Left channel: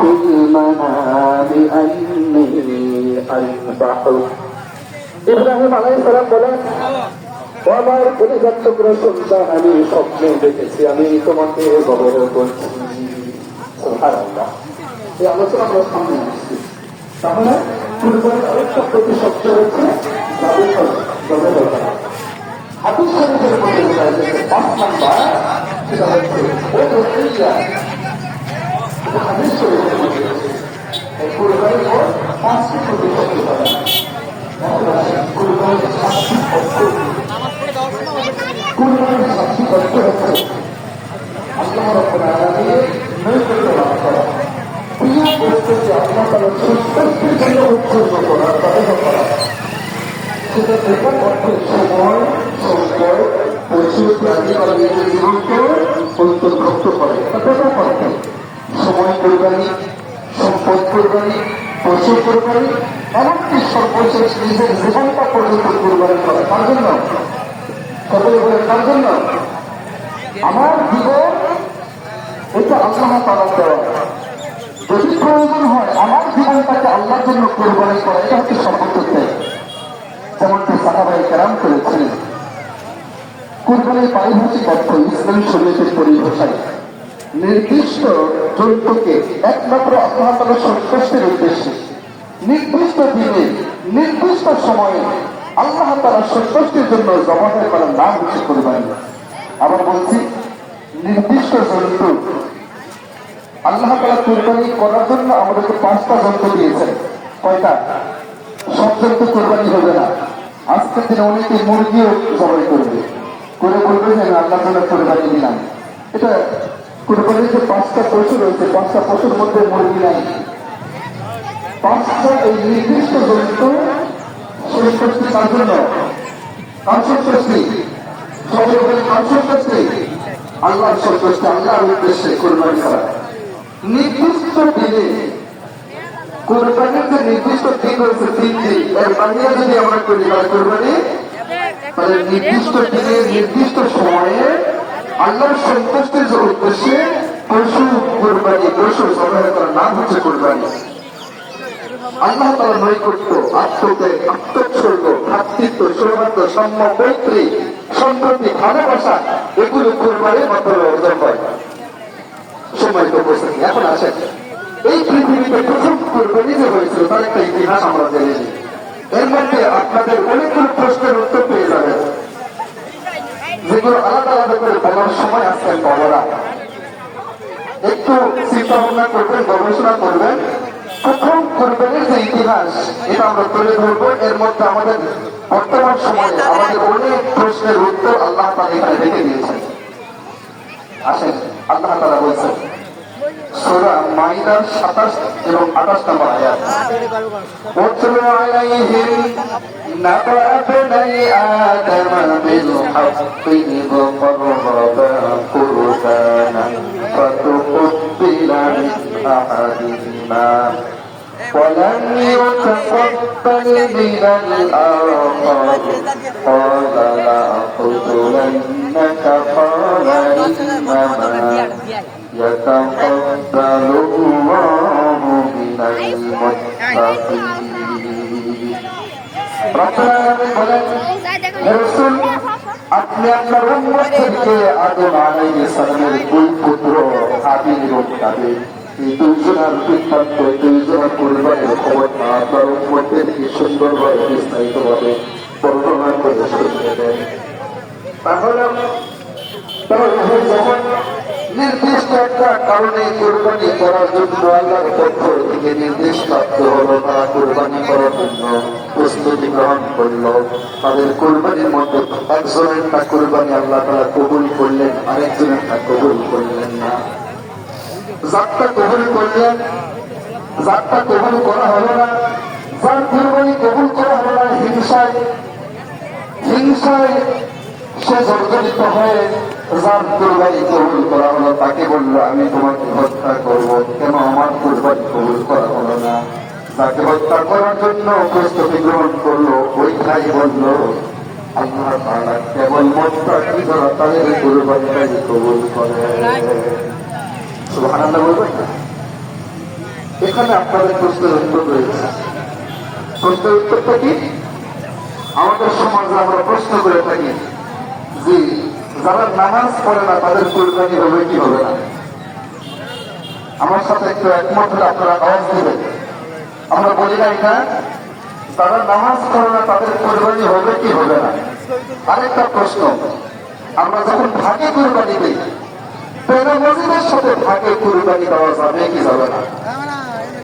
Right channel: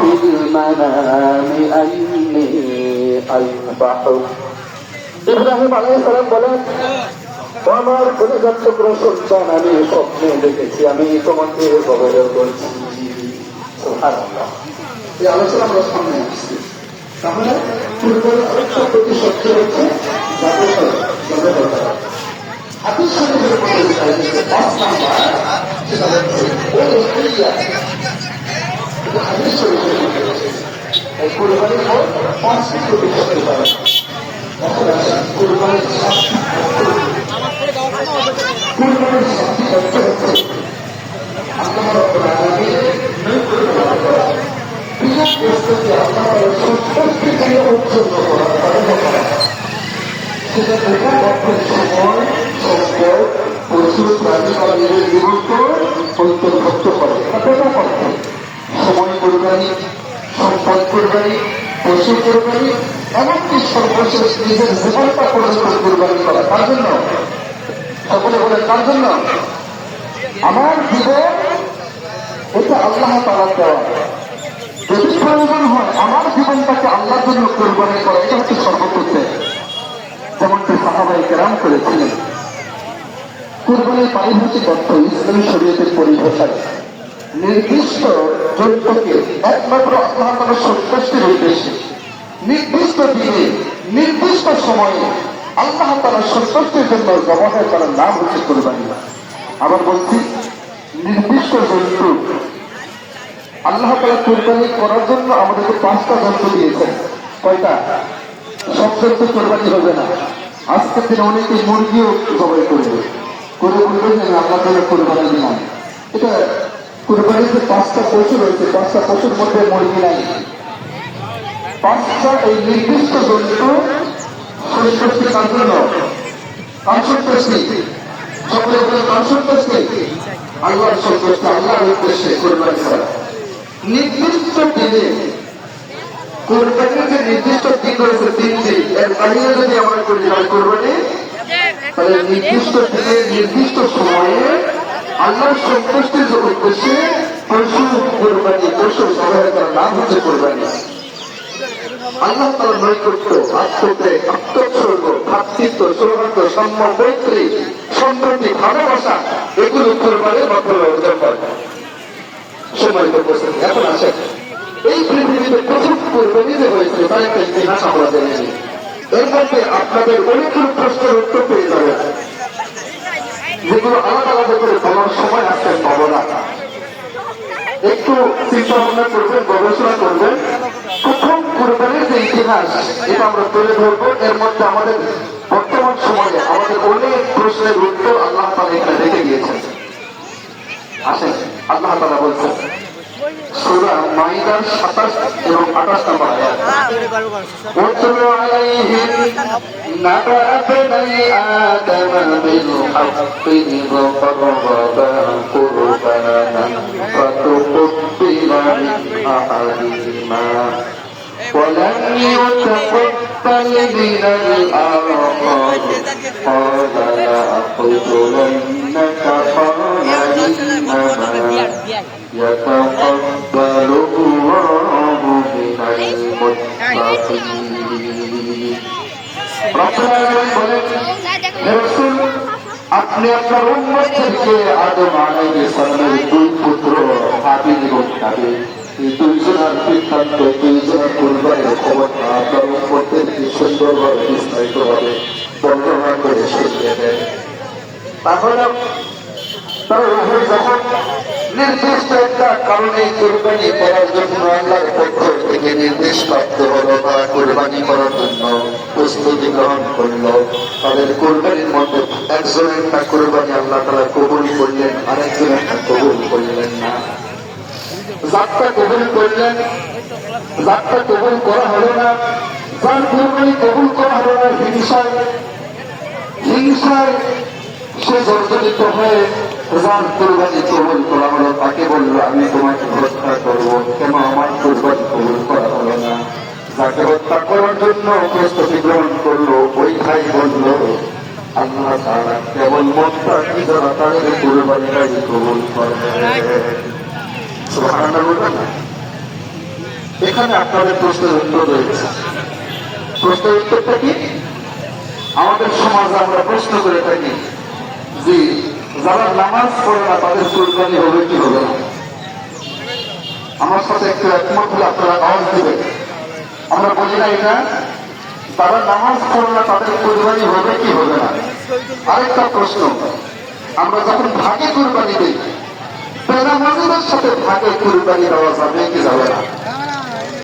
في المنام أني أذبحك ইব্রাহিম আলাইহিস সালাম বলেন, আমার পরিবার টুকর সন্তান, আমি স্বপ্নে দেখেছি আমি তোমাকে বগলে বলছি। সুবহানাল্লাহ। এই আলোচনা আমরা সামনে আসছি। তাহলে পূর্বের আরেকটা প্রতিশব্দ হচ্ছে হাদিস শরীফের মধ্যে দেখা যাচ্ছে ৫ নাম্বার, সেটা হচ্ছে ও রসুলিয়া। এটা হাদিস শরীফের মধ্যে আছে। এই কুরবানির পর ৫টি প্রতিশব্দ পাওয়া যায়। কুরবানির ৭টি অর্থ হচ্ছে আল্লাহ রাব্বুল আলামিনের নির্দেশ করা, প্রিয় বস্তুকে আল্লাহর সন্তুষ্টির জন্য উৎসর্গ করা, তওবা করা। সেটা বেকার অর্থের সময়, সম্পদ, পশু, প্রাণী বা নিজের বিরুদ্ধে অন্তর্ভুক্ত করে। বেকার অর্থে সময় কোরবানি, সম্পদ কোরবানি, পশু কোরবানি, এমনকি সর্বশেষ নিজের জীবনটা পর্যন্ত কোরবানি করা। তার জন্য সকলে বলে, তার জন্য আমার জীবন এটা আল্লাহ তাআলার দেয়া। যদি প্রয়োজন হয় আমার জীবনটাকে আল্লাহর জন্য কোরবানি করা, এটা হচ্ছে সর্বোচ্চ। যেমনটি সাহাবায়ে কেরাম করেছেন। কুরবানির পারিভাষিক অর্থ ইসলামী শরীয়তের পরিভাষায় নির্দিষ্ট জন্তুকে একমাত্র আল্লাহ তাআলার সন্তুষ্টির উদ্দেশ্যে নির্দিষ্ট দিনে নির্দিষ্ট সময়ে আল্লাহ তাআলার সন্তুষ্টির জন্য জবাহ করার নাম হচ্ছে কুরবানি। আবার বলছি, নির্দিষ্ট জন্তু আল্লাহ তাআলা কুরবানি করার জন্য আমাদেরকে 5টা জন্তু দিয়েছেন। কয়টা? সব জন্তু কুরবানি হবে না। আজকের দিনে অনেকে মুরগিও জবাই করবে, করে বলবে যে আমি আল্লাহর জন্য কুরবানি দিলাম। এটা কুরবানির যে 5টা পশু রয়েছে, 5টা পশুর মধ্যে মুরগি নাই। 5টা এই নির্দিষ্ট জন্তু সন্তুষ্টি তার জন্য, কার সন্তুষ্টি? সকলে বলে কার সন্তুষ্টি? আল্লাহর সন্তুষ্টি, আল্লাহর উদ্দেশ্যে কুরবানি করা। নির্দিষ্ট দিনে কোরবানির যে নির্দিষ্ট দিন রয়েছে, 3 দিন, এর বাইরে যদি আমরা কোরবানি, তাহলে নির্দিষ্ট দিনে নির্দিষ্ট সময়ে আল্লাহর সন্তুষ্টির উদ্দেশ্যে পশু কোরবানি, পশু সহায়তার নাম হচ্ছে কোরবানি। আল্লাহ তার নৈকট্য, আত্মত্যাগ, আত্মোৎসর্গ, ভ্রাতৃত্ব, সৌহার্দ্য, সম্মান, মৈত্রী, সম্প্রতি, ভালোবাসা, এগুলো কোরবানির মাধ্যমে অর্জন পায়। সম্মানিত উপস্থিতি, এখন আসেন এই পৃথিবীতে প্রথম কোরবানি যে হয়েছে তার একটা ইতিহাস আমরা জেনে নিই। এর মধ্যে আপনাদের অনেকগুলো প্রশ্নের উত্তর পেয়ে যাবেন, যেগুলো আলাদা আলাদা করে বলার সময় আসছেন পাবো না। একটু চিন্তা ভাবনা করবেন, গবেষণা করবেন। প্রথম কোরবানির যে ইতিহাস, এটা আমরা তুলে ধরবো। এর মধ্যে আমাদের বর্তমান সময়ে আমাদের অনেক প্রশ্নের উত্তর আল্লাহ তাআলা এখানে রেখে গিয়েছেন। আসেন, আল্লাহ তাআলা বলছেন সূরা মাইদার 27 এবং 28 নম্বর আয়াত, উতলু আলাইহিম নাবা ইবনাই আদম বিল হাক্কি ইয কাররাবা কুরবানান ফাতুকুব্বিলা মিন আহাদিহিমা ولم يتقبل من الآخر قال لأقتلنك قال إنما يتقبل الله من المتقين। আপনি আপনার উম্মতকে আদম আলাইহিস সালামের 2 পুত্র হাবিল এবং কাবিল, এই 2 জনের বৃত্তান্ত, 2 জনের কুরবানির খবরটা আপনার উম্মতকে সুন্দরভাবে বিস্তারিতভাবে বর্ণনা করে শুনিয়ে দেন। তাহলে যখন নির্দিষ্ট একটা কারণে কুরবানি করার জন্য আল্লাহর পক্ষ থেকে নির্দেশ প্রাপ্ত হলো, তারা কুরবানি করার জন্য প্রস্তুতি গ্রহণ করলো। তাদের কুরবানির মধ্যে একজনের একটা কুরবানি আল্লাহ তাআলা কবুল করলেন, আরেকজনের কবুল করলেন না। যারটা কবুল করলেন, যারটা কবুল করা হলো না, যার কুরবানি কবুল করা হলো না, হিংসায় সে জর্জরিত হয়ে যার কুরবানি কবুল করা হলো তাকে বললো আমি তোমাকে হত্যা করবো, কেন আমার কুরবানি কবুল করা হলো না? যাকে হত্যা করার জন্য প্রস্তুতি গ্রহণ করলো ওই ভাই বলল আল্লাহ তাআলা কেবল মুত্তাকি যারা তাদের কুরবানি কবুল করেন। সুবহানাল্লাহ। এখানে আপনাদের প্রশ্নের উত্তর রয়েছে। প্রশ্নের উত্তরটা কি? আমাদের সমাজে আমরা প্রশ্ন করে থাকি যে যারা নামাজ পড়ে না তাদের কুরবানি হবে কি হবে না? আমার সাথে একটু একমত হলে আপনারা আওয়াজ দিবেন। আমরা বলি না এটা, তারা নামাজ পড়ে না তাদের কুরবানি হবে কি হবে না? আরেকটা প্রশ্ন, আমরা যখন ভাগে কুরবানি দিই, বেনামাজিদের সাথে ভাগে কুরবানি দেওয়া যাবে কি যাবে না?